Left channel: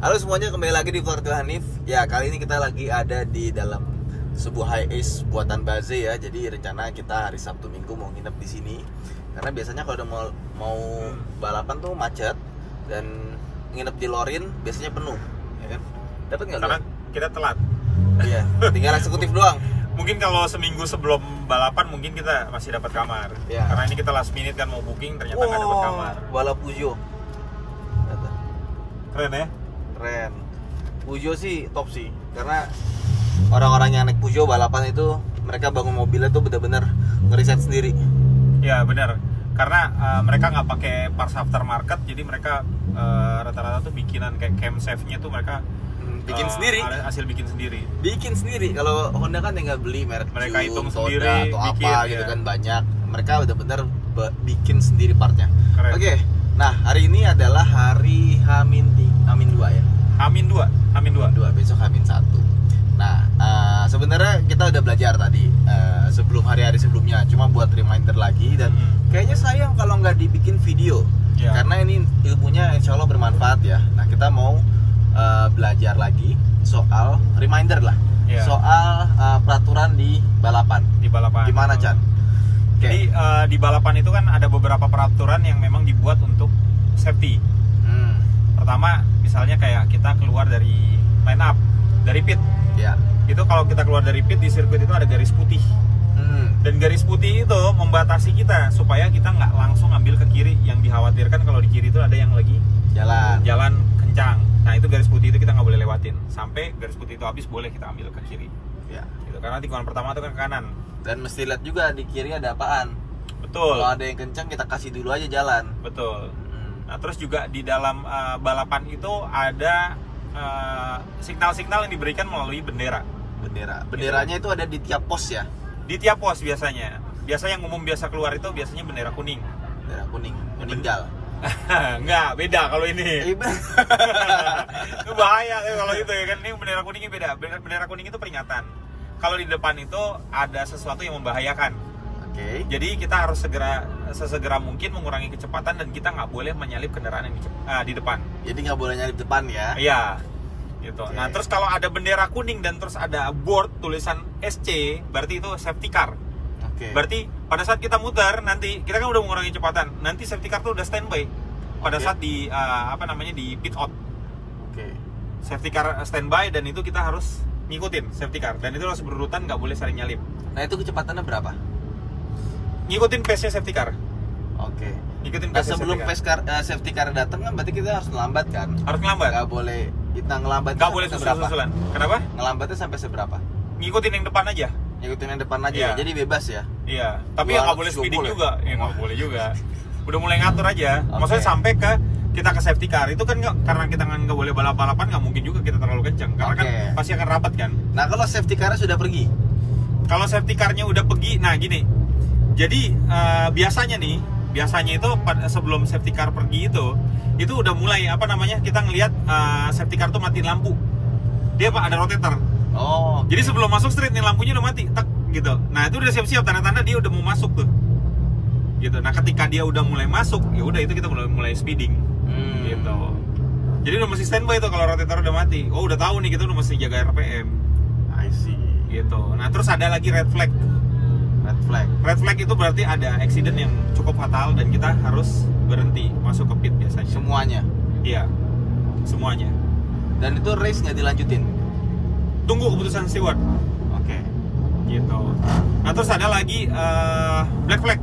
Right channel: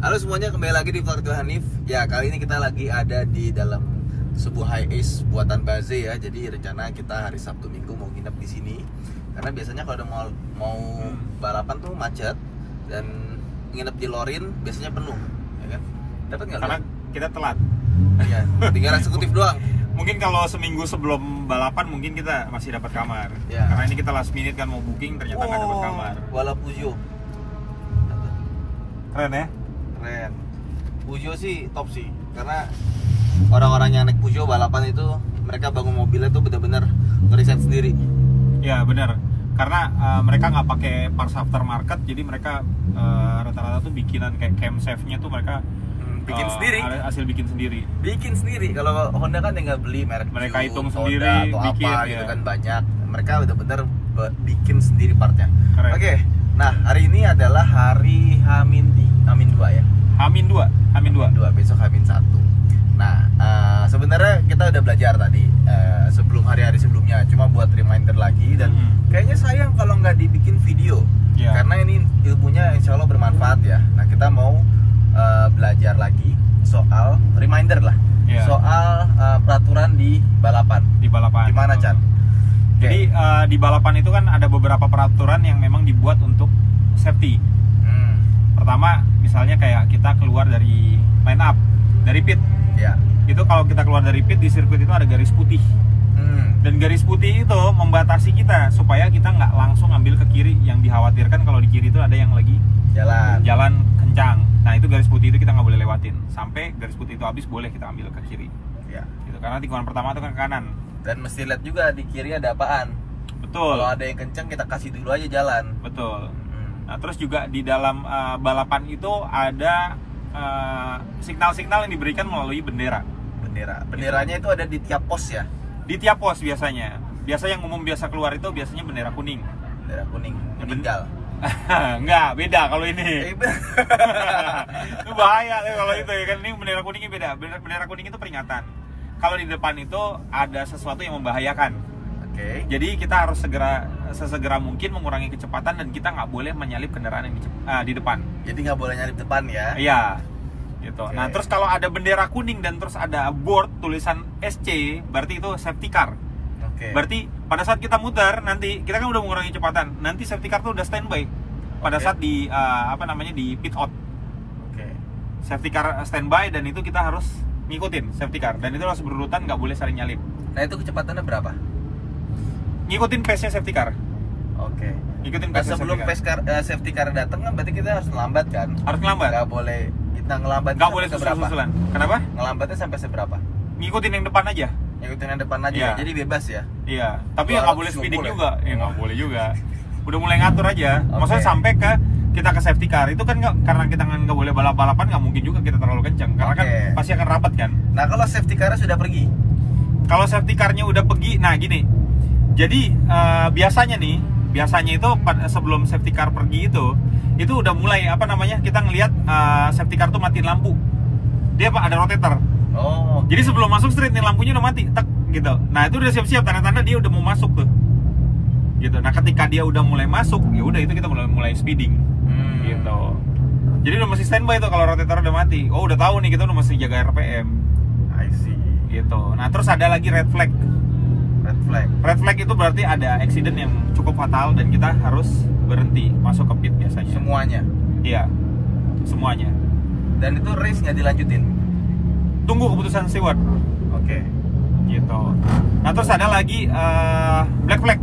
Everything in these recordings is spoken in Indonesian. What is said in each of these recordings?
Halo semuanya, kembali lagi di Vlog Hanif. Ya, kali ini kita lagi ada di dalam sebuah high ace buatan Baze ya. Jadi rencana kita hari Sabtu Minggu mau nginep di sini. Karena biasanya kalau udah mau balapan tuh macet dan nginep di Lorin biasanya penuh, ya kan? Dapat nggak? Karena kita telat. Iya, tinggal eksekutif doang. Mungkin kalau seminggu sebelum balapan mungkin kita masih dapat kamar. Ya. Karena ini kita last minute kan mau booking ternyata nggak dapat kamar. Balap Peugeot. Keren ya? Keren. Peugeot sih top sih, karena orang-orang yang naik Peugeot balapan itu mereka bangun mobilnya tuh benar-benar ngeriset sendiri. Ya benar. Karena mereka nggak pakai parts aftermarket, jadi mereka rata-rata tuh bikinan kayak camshaft-nya tuh mereka Bikin sendiri. Hasil bikin sendiri. Bikin sendiri. Kalau Honda kan tinggal beli merek Mereka Q, hitung Toda, sendiri, atau bikin, apa gitu ya. kan banyak. Mereka benar-benar bikin sendiri partnya. Keren. Oke. Nah, hari ini adalah hari Hamin 2 ya. Hamin 2. Besok Hamin 1. Nah, sebenarnya kita udah belajar tadi sebelum hari-hari sebelumnya, cuma buat reminder lagi dan kayaknya sayang kalau nggak dibikin video. Ya. Karena ini ilmunya insya Allah bermanfaat ya. Nah, kita mau belajar lagi soal reminder lah. Ya. Soal peraturan di balapan. Di balapan. Gimana, Chan? Jadi di balapan itu kan ada beberapa peraturan yang memang dibuat untuk safety. Pertama, misalnya kayak kita keluar dari line up, dari pit. Ya. Itu kalau kita keluar dari pit di sirkuit itu ada garis putih. Dan garis putih itu membatasi kita supaya kita nggak langsung ambil ke kiri. Yang dikhawatirkan kalau di kiri itu ada yang lagi jalan kencang. Nah, itu garis putih itu kita nggak boleh lewatin. Sampai garis putih itu habis boleh kita ambil ke kiri. Ya. Gitu. Karena tikungan pertama itu kan ke kanan. Dan mesti lihat juga di kiri ada apaan. Betul. Kalau ada yang kencang kita kasih dulu aja jalan. Betul. Nah, terus juga di dalam balapan itu ada signal-signal yang diberikan melalui bendera. Benderanya itu ada di tiap pos ya. Di tiap pos biasanya. Biasa yang umum biasa keluar itu biasanya bendera kuning. Bendera kuning, meninggal. Enggak, beda kalau ini. Itu bahaya kalau itu ya kan. Ini bendera kuningnya beda. Bendera kuning itu peringatan. Kalau di depan itu ada sesuatu yang membahayakan. Oke. Jadi kita harus sesegera mungkin mengurangi kecepatan dan kita nggak boleh menyalip kendaraan yang di depan. Jadi nggak boleh nyalip depan ya. Iya, gitu. Oke. Nah, terus kalau ada bendera kuning dan terus ada board tulisan SC, berarti itu safety car. Oke. Berarti pada saat kita muter nanti kita kan udah mengurangi kecepatan. Nanti safety car tuh udah standby. Pada Oke. saat di di pit out. Oke. Safety car standby dan itu kita harus ngikutin safety car dan itu harus berurutan, nggak boleh saling nyalip. Nah, itu kecepatannya berapa? Ngikutin pace-nya safety car. Oke. Ngikutin Nah, pace-nya sebelum safety car. safety car datang kan berarti kita harus ngelambat kan? Harus ngelambat. Nggak boleh. Kita ngelambat. Nggak boleh susul-susulan. Kenapa? Ngelambatnya sampai seberapa? Ngikutin yang depan aja. Ngikutin yang depan aja. Iya. Jadi bebas ya. Iya, tapi ya nggak boleh speeding boleh. juga. Ya nggak boleh juga. Udah mulai ngatur aja. Oke. Maksudnya sampai ke kita ke safety car itu kan karena kita nggak boleh balap-balapan, nggak mungkin juga kita terlalu kencang karena kan Oke. pasti akan rapat kan. Nah, kalau safety car sudah pergi. Kalau safety car-nya udah pergi, nah gini. Jadi biasanya itu sebelum safety car pergi itu udah mulai kita ngelihat safety car tuh matiin lampu. Dia ada rotator. Oh. Jadi sebelum masuk street nih lampunya udah mati, tek gitu. Nah, itu udah siap-siap tanda-tanda dia udah mau masuk tuh. Gitu. Nah, ketika dia udah mulai masuk, ya udah itu kita mulai speeding. Gitu. Jadi udah mesti standby tuh kalau rotator udah mati. Oh, udah tahu nih kita udah mesti jaga RPM. I see. Gitu. Nah, terus ada lagi red flag. Red flag itu berarti ada accident yang cukup fatal dan kita harus berhenti masuk ke pit biasanya. Semuanya. Iya. Semuanya. Dan itu race nggak dilanjutin. Tunggu keputusan steward. Oke. Gitu. Nah, terus ada lagi black flag.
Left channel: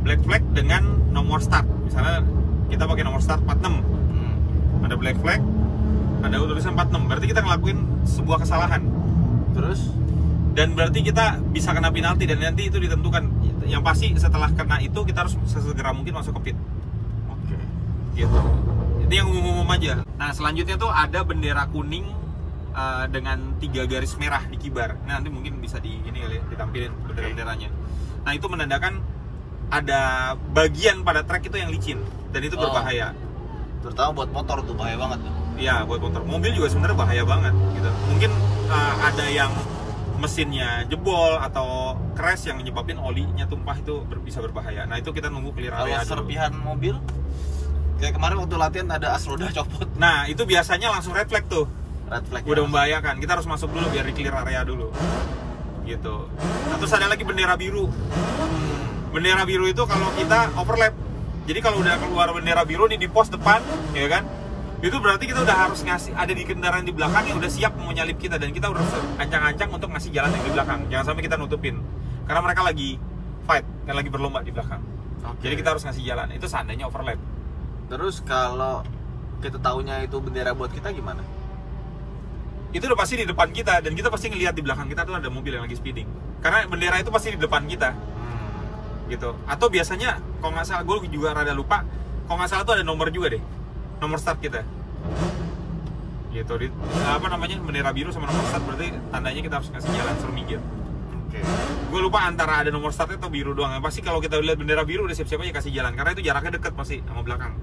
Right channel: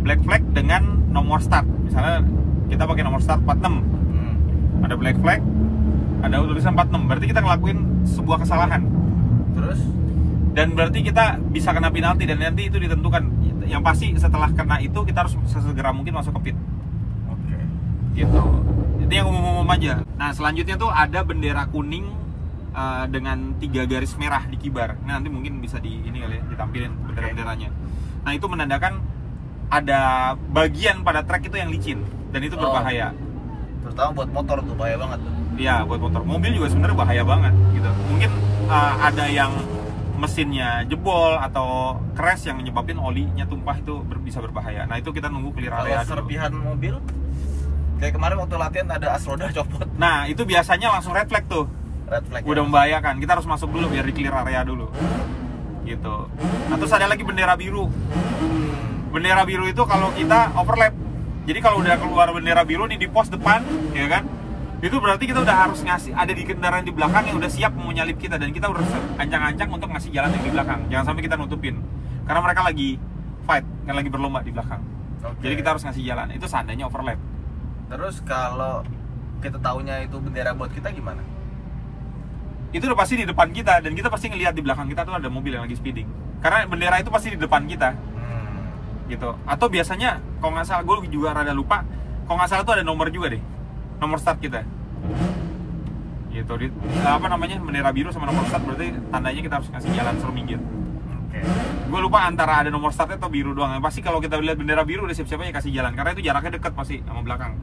Black flag dengan nomor start. Misalnya kita pakai nomor start 46. Ada black flag, ada tulisan 46. Berarti kita ngelakuin sebuah kesalahan. Terus? Dan berarti kita bisa kena penalti dan nanti itu ditentukan. Yang pasti setelah kena itu kita harus sesegera mungkin masuk ke pit. Oke. Gitu. Itu yang umum-umum aja. Nah, selanjutnya tuh ada bendera kuning dengan 3 garis merah di kibar. Ini nanti mungkin bisa ditampilin bendera-benderanya. Nah, itu menandakan ada bagian pada trek itu yang licin dan itu berbahaya. Terutama buat motor tuh bahaya banget tuh. Iya, buat motor. Mobil juga sebenarnya bahaya banget gitu. Mungkin ada yang mesinnya jebol atau crash yang menyebabkan olinya tumpah, itu bisa berbahaya. Nah, itu kita nunggu clear area. Kalau serpihan mobil Kayak kemarin waktu latihan ada as roda copot. Nah, itu biasanya langsung red flag tuh. Red flag. Udah membahayakan. Kita harus masuk dulu biar di clear area dulu. Gitu. Nah, terus ada lagi bendera biru. Bendera biru itu kalau kita overlap. Jadi kalau udah keluar bendera biru nih di pos depan, ya kan? Itu berarti kita udah harus ngasih, ada di kendaraan di belakang yang udah siap mau nyalip kita, dan kita udah ancang-ancang untuk ngasih jalan yang di belakang. Jangan sampai kita nutupin. Karena mereka lagi fight, yang lagi berlomba di belakang. Jadi kita harus ngasih jalan. Itu seandainya overlap. Terus kalau kita tahunya itu bendera buat kita gimana? Itu udah pasti di depan kita, dan kita pasti ngelihat di belakang kita tuh ada mobil yang lagi speeding. Karena bendera itu pasti di depan kita. Gitu. Atau biasanya kalau nggak salah, gue juga rada lupa, kalau nggak salah tuh ada nomor juga deh, nomor start kita. Gitu. Apa namanya, bendera biru sama nomor start, berarti tandanya kita harus ngasih jalan suruh minggir. Gue lupa antara ada nomor startnya atau biru doang. Pasti kalau kita lihat bendera biru udah siap-siap aja kasih jalan, karena itu jaraknya dekat masih sama belakang.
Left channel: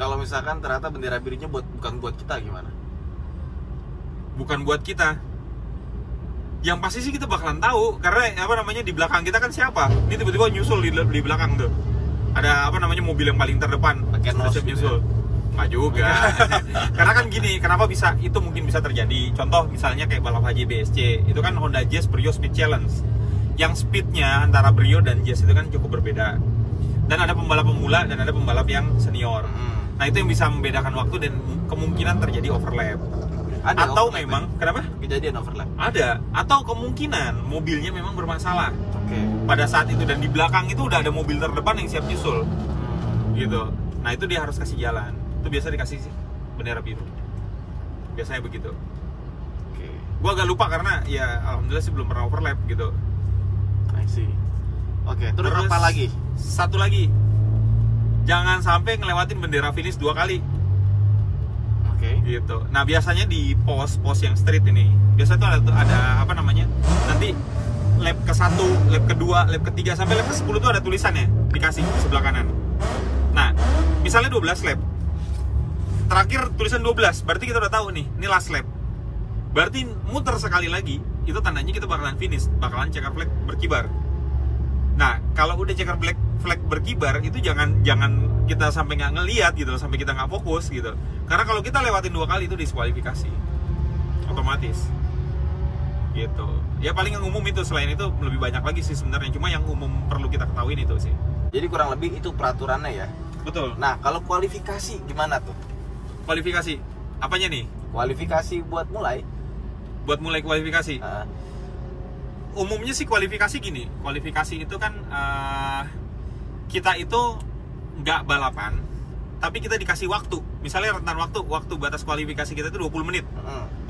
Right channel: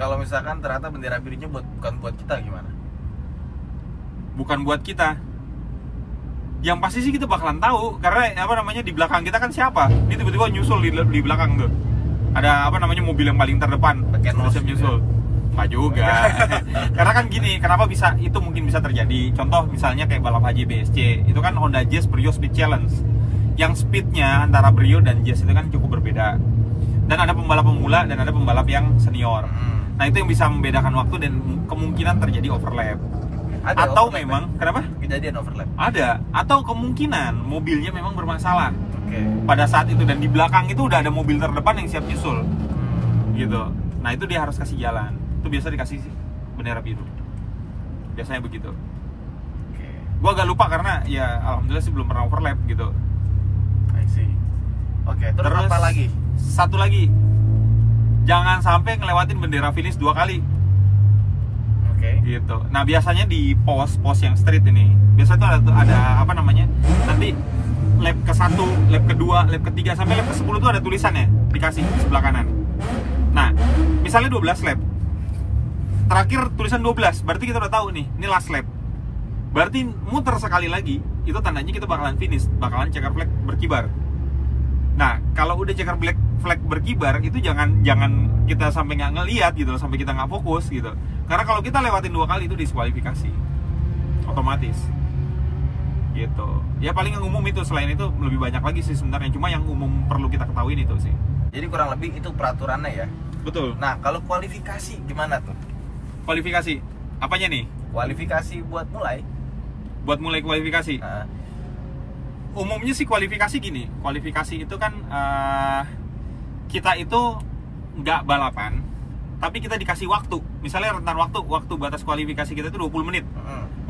Kalau misalkan ternyata bendera birunya bukan buat kita gimana? Bukan buat kita. Yang pasti sih kita bakalan tahu, karena apa namanya, di belakang kita kan siapa? Ini tiba-tiba nyusul di belakang tuh. Ada apa namanya, mobil yang paling terdepan. Siap nyusul. Nggak juga. Karena kan gini, kenapa bisa itu mungkin bisa terjadi? Contoh misalnya kayak balap HJBSC, itu kan Honda Jazz Brio Speed Challenge. Yang speednya antara Brio dan Jazz itu kan cukup berbeda. Dan ada pembalap pemula dan ada pembalap yang senior. Nah, itu yang bisa membedakan waktu dan kemungkinan terjadi overlap. Ada atau overlap, memang kenapa? Kejadian overlap. Ada, atau kemungkinan mobilnya memang bermasalah. Pada saat itu, dan di belakang itu udah ada mobil terdepan yang siap nyusul. Gitu. Nah, itu dia harus kasih jalan. Itu biasa dikasih bendera biru. Biasanya begitu. Gua agak lupa karena ya alhamdulillah sih belum pernah overlap gitu. I see. Terus apa lagi? Satu lagi. Jangan sampai ngelewatin bendera finish 2 kali. Gitu. Nah, biasanya di pos yang street ini, biasanya tuh ada apa namanya? Nanti lap ke-1, lap ke-2, lap ke-3 sampai lap ke-10 tuh ada tulisannya dikasih di sebelah kanan. Nah, misalnya 12 lap. Terakhir tulisan 12, berarti kita udah tahu nih, ini last lap. Berarti muter sekali lagi, itu tandanya kita bakalan finish, bakalan checker flag berkibar. Nah, kalau udah checker flag berkibar, itu jangan kita sampai nggak ngelihat gitu, sampai kita nggak fokus gitu. Karena kalau kita lewatin 2 kali itu diskualifikasi, otomatis. Gitu. Ya paling yang umum itu, selain itu lebih banyak lagi sih sebenarnya. Cuma yang umum perlu kita ketahuin itu sih. Jadi kurang lebih itu peraturannya ya. Betul. Nah, kalau kualifikasi gimana tuh? Kualifikasi, apanya nih? Kualifikasi buat mulai. Buat mulai kualifikasi. Umumnya sih kualifikasi gini. Kualifikasi itu kan kita itu nggak balapan, tapi kita dikasih waktu. Misalnya rentan waktu batas kualifikasi kita itu 20 menit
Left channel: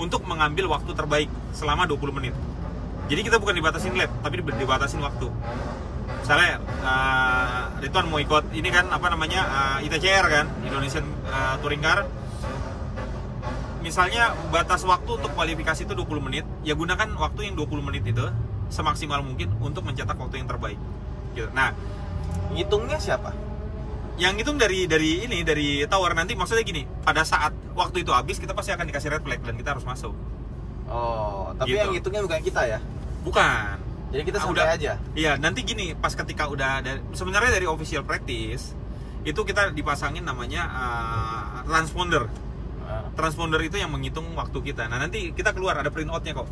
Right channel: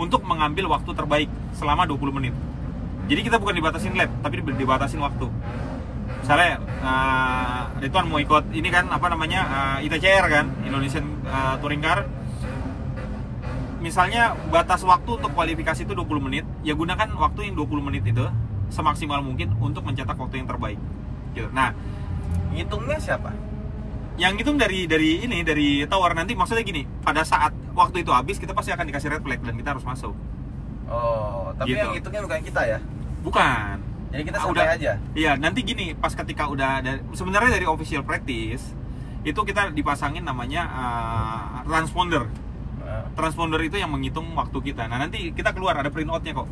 untuk mengambil waktu terbaik selama 20 menit. Jadi kita bukan dibatasin lap, tapi dibatasin waktu. Misalnya Ridwan mau ikut ini kan apa namanya, ITCR kan, Indonesian Touring Car. Misalnya batas waktu untuk kualifikasi itu 20 menit, ya gunakan waktu yang 20 menit itu semaksimal mungkin untuk mencetak waktu yang terbaik. Gitu. Nah, ngitungnya siapa? Yang ngitung dari tower nanti, maksudnya gini, pada saat waktu itu habis kita pasti akan dikasih red flag dan kita harus masuk. Oh, tapi gitu. Yang ngitungnya bukan kita ya? Bukan. Jadi kita santai aja? Iya, nanti gini, pas ketika udah ada, sebenarnya dari official practice itu kita dipasangin namanya transponder. Transponder itu yang menghitung waktu kita. Nah, nanti kita keluar ada printoutnya kok.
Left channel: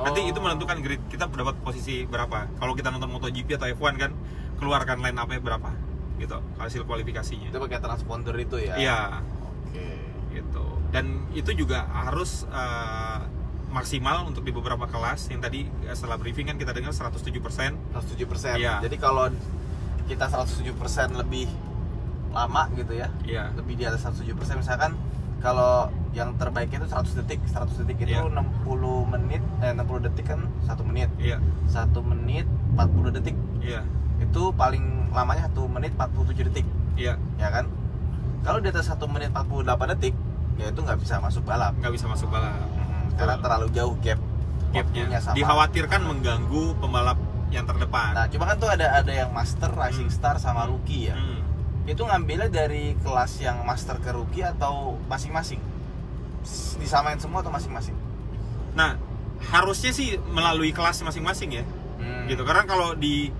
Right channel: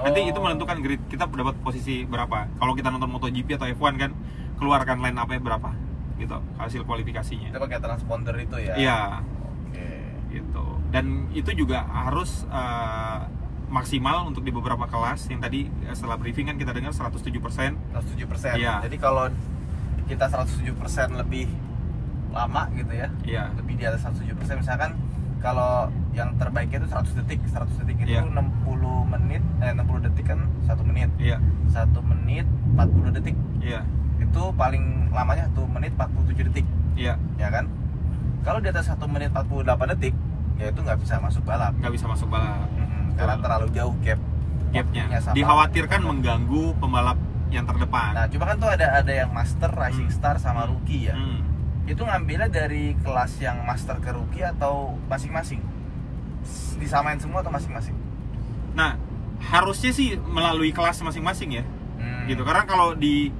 Nanti itu menentukan grid kita dapat posisi berapa. Kalau kita nonton MotoGP atau F1 kan, keluarkan line up-nya berapa gitu hasil kualifikasinya. Itu pakai transponder itu ya? Iya. Gitu. Dan itu juga harus maksimal untuk di beberapa kelas. Yang tadi setelah briefing kan kita dengar 107%. 107%. Iya. Jadi kalau kita 107% lebih lama gitu ya. Iya. Lebih di atas 107%, misalkan kalau yang terbaiknya itu 100 detik. 100 detik itu 60 menit, 60 detik kan 1 menit. Iya. 1 menit 40 detik. Iya. Itu paling lamanya 1 menit 47 detik. Iya. Ya kan? Kalau di atas 1 menit 48 detik, ya itu nggak bisa masuk balap. Nggak bisa masuk balap. Karena terlalu jauh gapnya. Dikhawatirkan mengganggu pembalap yang terdepan. Nah, cuma kan tuh ada yang master, rising star sama rookie ya. Itu ngambilnya dari kelas yang master ke rookie atau masing-masing? Disamain semua atau masing-masing? Nah, harusnya sih melalui kelas masing-masing ya. Gitu. Karena kalau di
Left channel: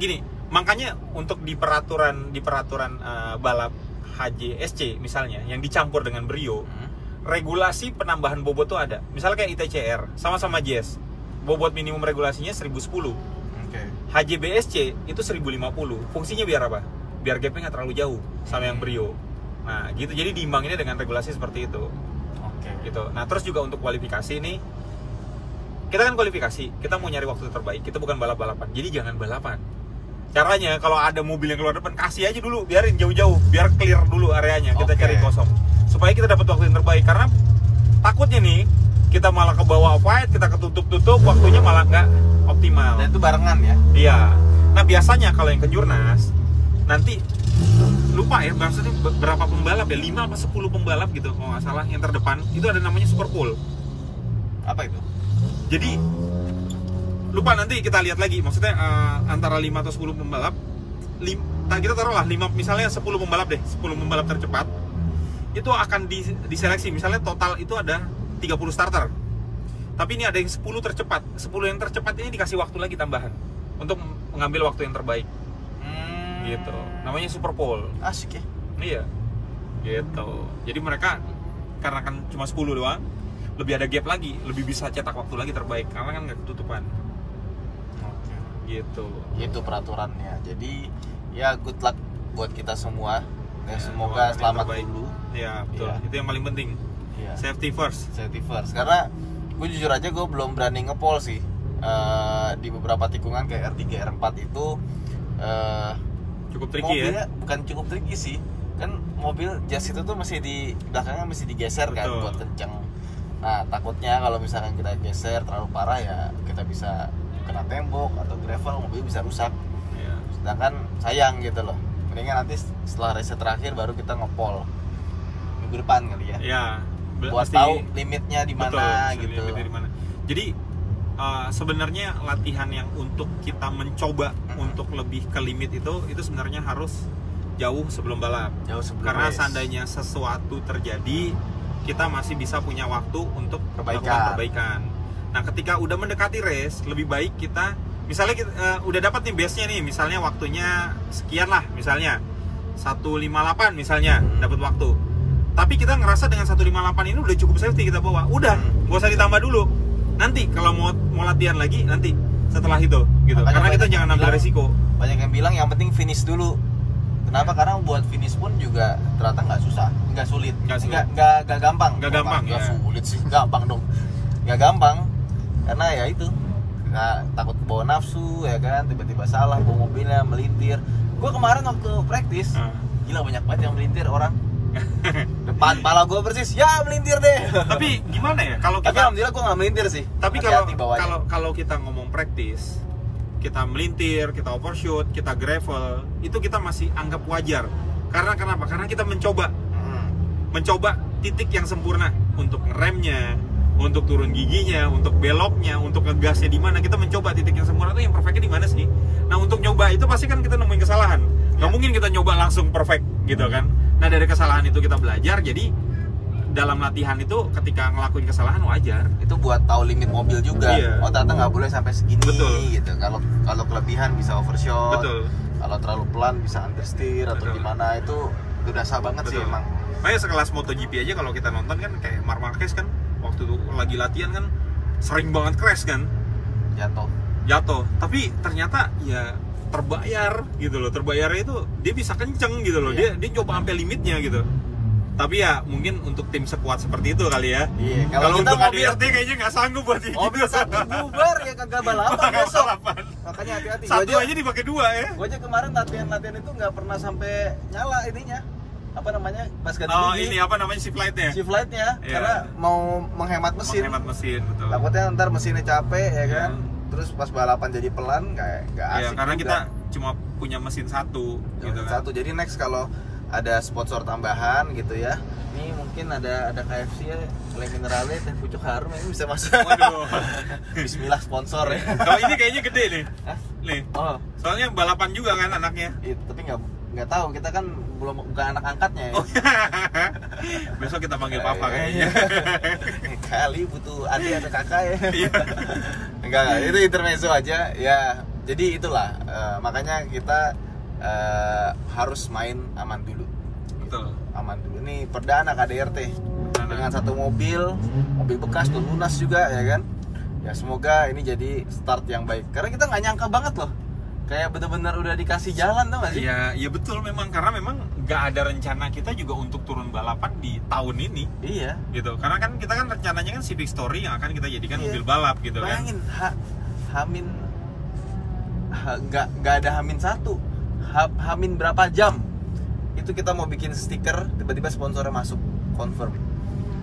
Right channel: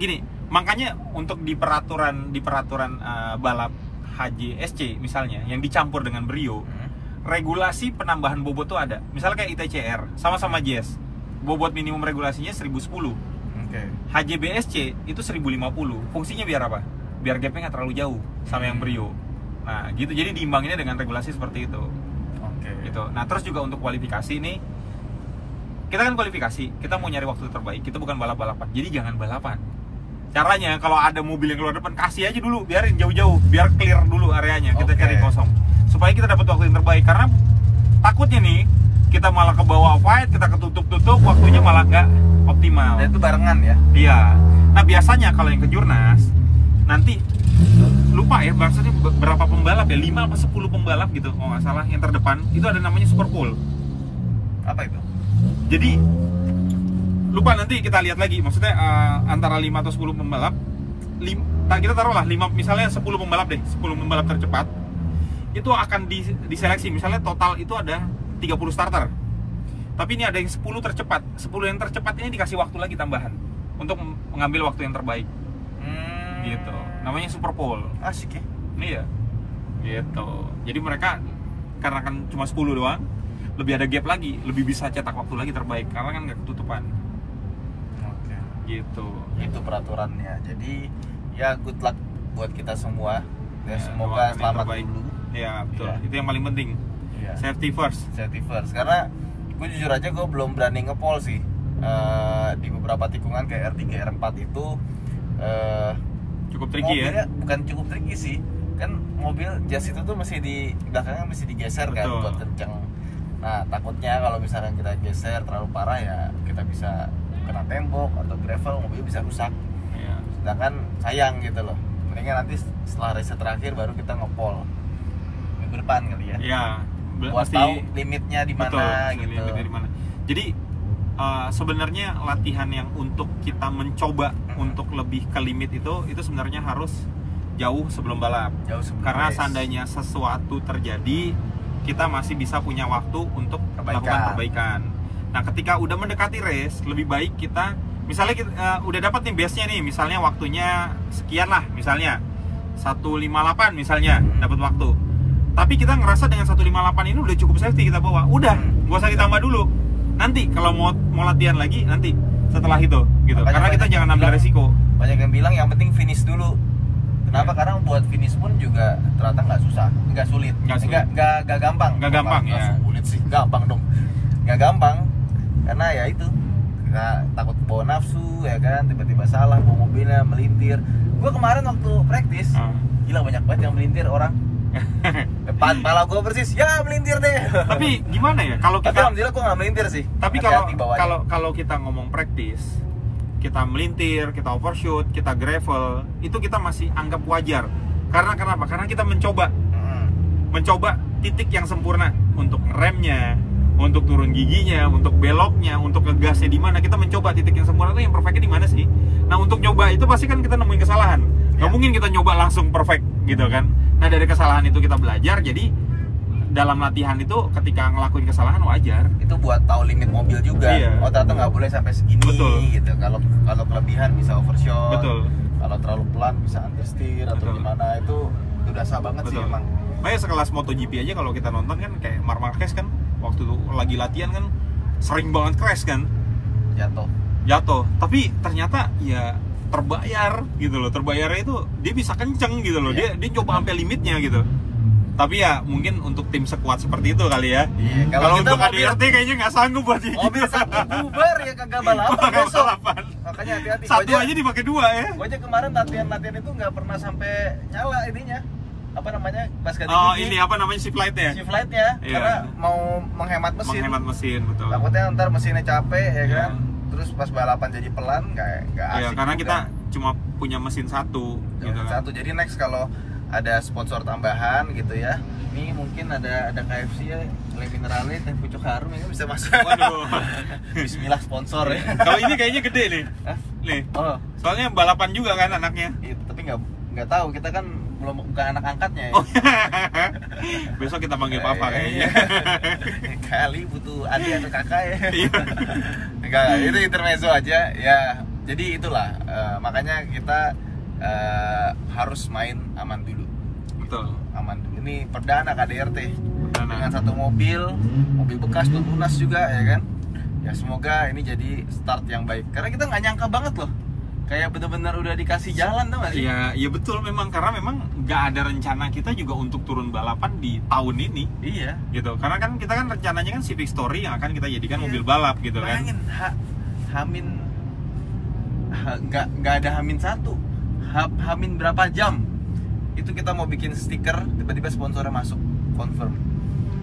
gini, makanya untuk di peraturan balap HJSC misalnya yang dicampur dengan Brio, regulasi penambahan bobot tuh ada. Misalnya kayak ITCR sama-sama JS, bobot minimum regulasinya 1010. HJBSC itu 1050. Fungsinya biar apa? Biar gapnya nggak terlalu jauh sama yang Brio. Nah gitu, jadi diimbanginnya dengan regulasi seperti itu. Gitu. Nah terus juga untuk kualifikasi nih, kita kan kualifikasi, kita mau nyari waktu terbaik, kita bukan balap-balapan, jadi jangan balapan. Caranya kalau ada mobil yang keluar depan, kasih aja dulu, biarin jauh-jauh, biar clear dulu areanya, kita cari kosong supaya kita dapat waktu yang terbaik. Karena takutnya nih kita malah ke bawah fight, kita ketutup-tutup, waktunya malah nggak optimal. Dan itu barengan ya? Iya. Nah biasanya kalau yang ke Jurnas nanti lupa ya maksudnya berapa pembalap ya, 5 apa 10 pembalap gitu kalau nggak salah, yang terdepan itu ada namanya super pool. Apa itu? Jadi lupa, nanti kita lihat lagi, maksudnya antara 5 atau 10 pembalap, kita taruhlah 5, misalnya 10 pembalap deh, 10 pembalap tercepat itu akan diseleksi, misalnya total itu ada 30 starter, tapi ini ada yang 10 tercepat, 10 yang tercepat ini dikasih waktu lagi tambahan untuk mengambil waktu yang terbaik. Gitu, namanya super pole. Asik ya? Iya, gitu. Jadi mereka karena kan cuma 10 doang, lebih ada gap lagi, lebih bisa cetak waktu lagi terbaik karena kan nggak ketutupan. Gitu. Itu peraturannya. Jadi ya good luck buat kita semua. Ya, semoga selamat dulu. Ya betul. Ya. Itu yang paling penting. Ya. Safety first. Safety first. Karena gue jujur aja gue belum berani ngepol sih. Di beberapa tikungan kayak R3, R4 itu cukup tricky ya? Bukan cukup tricky sih, kan mobil jas itu tuh masih di belakangnya mesti digeser. Betul. Kan buat kenceng. Nah takutnya kalau misalkan kita geser terlalu parah ya kita bisa kena tembok atau gravel, mobil bisa rusak. Ya. Sedangkan sayang gitu loh, mendingan nanti setelah race terakhir baru kita ngepol minggu depan kali ya. Iya. Buat tahu limitnya di mana gitu. Jadi sebenarnya latihan yang untuk kita mencoba untuk lebih ke limit itu sebenarnya harus jauh sebelum balap. Karena race. Seandainya sesuatu terjadi, kita masih bisa punya waktu untuk melakukan perbaikan. Nah, ketika udah mendekati race, lebih baik kita misalnya kita, udah dapat nih base-nya nih, misalnya waktunya sekian lah, misalnya 158 misalnya dapat waktu. Tapi kita ngerasa dengan 158 ini udah cukup safety kita bawa. Udah, gak usah ditambah dulu. Nanti kalau mau latihan lagi nanti setelah itu gitu. Makanya karena kita jangan ambil resiko. Banyak yang bilang yang penting finish dulu. Kenapa? Karena buat finish pun juga ternyata nggak susah, nggak sulit, nggak gampang. Nggak gampang ya. Sulit sih, gampang dong. Nggak gampang karena ya itu takut kebawa nafsu ya kan, tiba-tiba salah bawa mobilnya melintir. Gue kemarin waktu praktis, gila banyak banget yang melintir orang. Depan pala gue persis, ya melintir deh. Tapi gimana ya kalau kita? Tapi alhamdulillah gue nggak melintir sih. Tapi kalau kita ngomong praktis, kita melintir, kita overshoot, kita gravel, itu kita masih anggap wajar. Karena kenapa? Karena kita mencoba titik yang sempurna untuk ngeremnya, untuk turun giginya, untuk beloknya, untuk ngegasnya di mana. Kita mencoba titik yang sempurna itu yang perfectnya di mana sih? Nah untuk nyoba itu pasti kan kita nemuin kesalahan. Gak mungkin kita nyoba langsung perfect gitu kan. Nah dari kesalahan itu kita belajar. Jadi dalam latihan itu ketika ngelakuin kesalahan wajar. Itu buat tahu limit mobil juga. Iya. Oh ternyata nggak boleh sampai segini. Betul. Gitu. Kalau kelebihan bisa overshot. Betul. Kalau terlalu pelan bisa understeer atau gimana, itu dasar banget. Betul. Sih emang. Makanya sekelas MotoGP aja kalau kita nonton kan kayak Marc Marquez kan waktu itu lagi latihan kan sering banget crash kan. Jatuh. Tapi ternyata ya terbayar gitu loh. Terbayarnya itu dia bisa kenceng gitu loh. Dia coba sampai limitnya gitu. Tapi ya mungkin untuk tim sekuat seperti itu kali ya. Kalau untuk ADRT kayaknya nggak sanggup buat gitu. Mobil satu bubar ya kagak balapan besok. Makanya hati-hati. Satu aja dipakai 2 ya. Gue aja kemarin latihan itu nggak pernah sampai nyala ininya. Apa namanya? Pas ganti ini apa namanya, shift light-nya? Shift light-nya. Karena mau menghemat mesin. Betul. Takutnya ntar mesinnya capek ya kan. Terus pas balapan jadi pelan nggak asik. Karena kita cuma punya mesin satu. Satu. Jadi next kalau ada sponsor tambahan gitu ya, ini mungkin ada KFC ya, oleh mineralnya teh pucuk harum ini bisa masuk. Waduh. Bismillah sponsor ya. Kalau ini kayaknya gede nih. Nih. Soalnya balapan juga kan anaknya. Tapi nggak tahu, kita kan bukan anak angkatnya ya. Besok kita panggil papa kayaknya. Kali butuh adik atau kakak ya. Enggak, itu intermezzo aja ya. Jadi itulah makanya kita harus main aman dulu. Betul. ini perdana KDRT dengan satu mobil bekas tuh lunas juga ya kan. Ya semoga ini jadi start yang baik karena kita nggak nyangka banget loh, kayak benar-benar udah dikasih jalan tuh nggak sih? Iya betul, memang karena memang nggak ada rencana kita juga untuk turun balapan di tahun ini. Iya gitu, karena kan kita kan rencananya kan Civic Story yang akan kita jadikan mobil balap gitu. Bayangin, kan nggak ada Hamin 1, Hamin berapa jam itu kita mau bikin stiker, tiba-tiba sponsornya masuk confirm.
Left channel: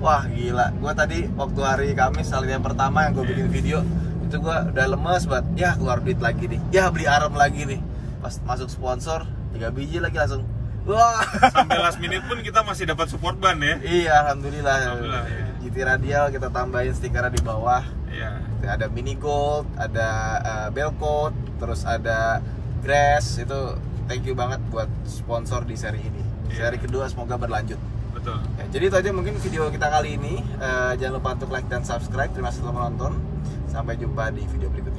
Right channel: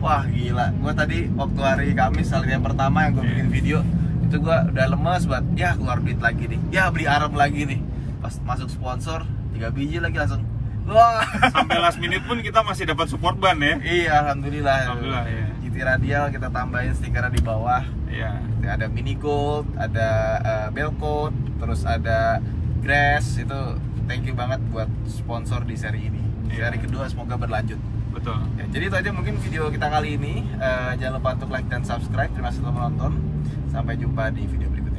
Wah gila, gue tadi waktu hari Kamis hari yang pertama yang gue bikin video itu gue udah lemes banget, ya keluar duit lagi nih, ya beli arm lagi nih, pas masuk sponsor 3 biji lagi langsung wah. Sampai last minute pun kita masih dapat support ban ya. Iya alhamdulillah ya. GT Radial kita tambahin stikernya di bawah. Iya. Ada mini gold, ada bell code, terus ada grass. Itu thank you banget buat sponsor di seri ini. Seri kedua semoga berlanjut. Betul. Ya, jadi itu aja mungkin video kita kali ini. Jangan lupa untuk like dan subscribe. Terima kasih telah menonton. Sampai jumpa di video berikutnya.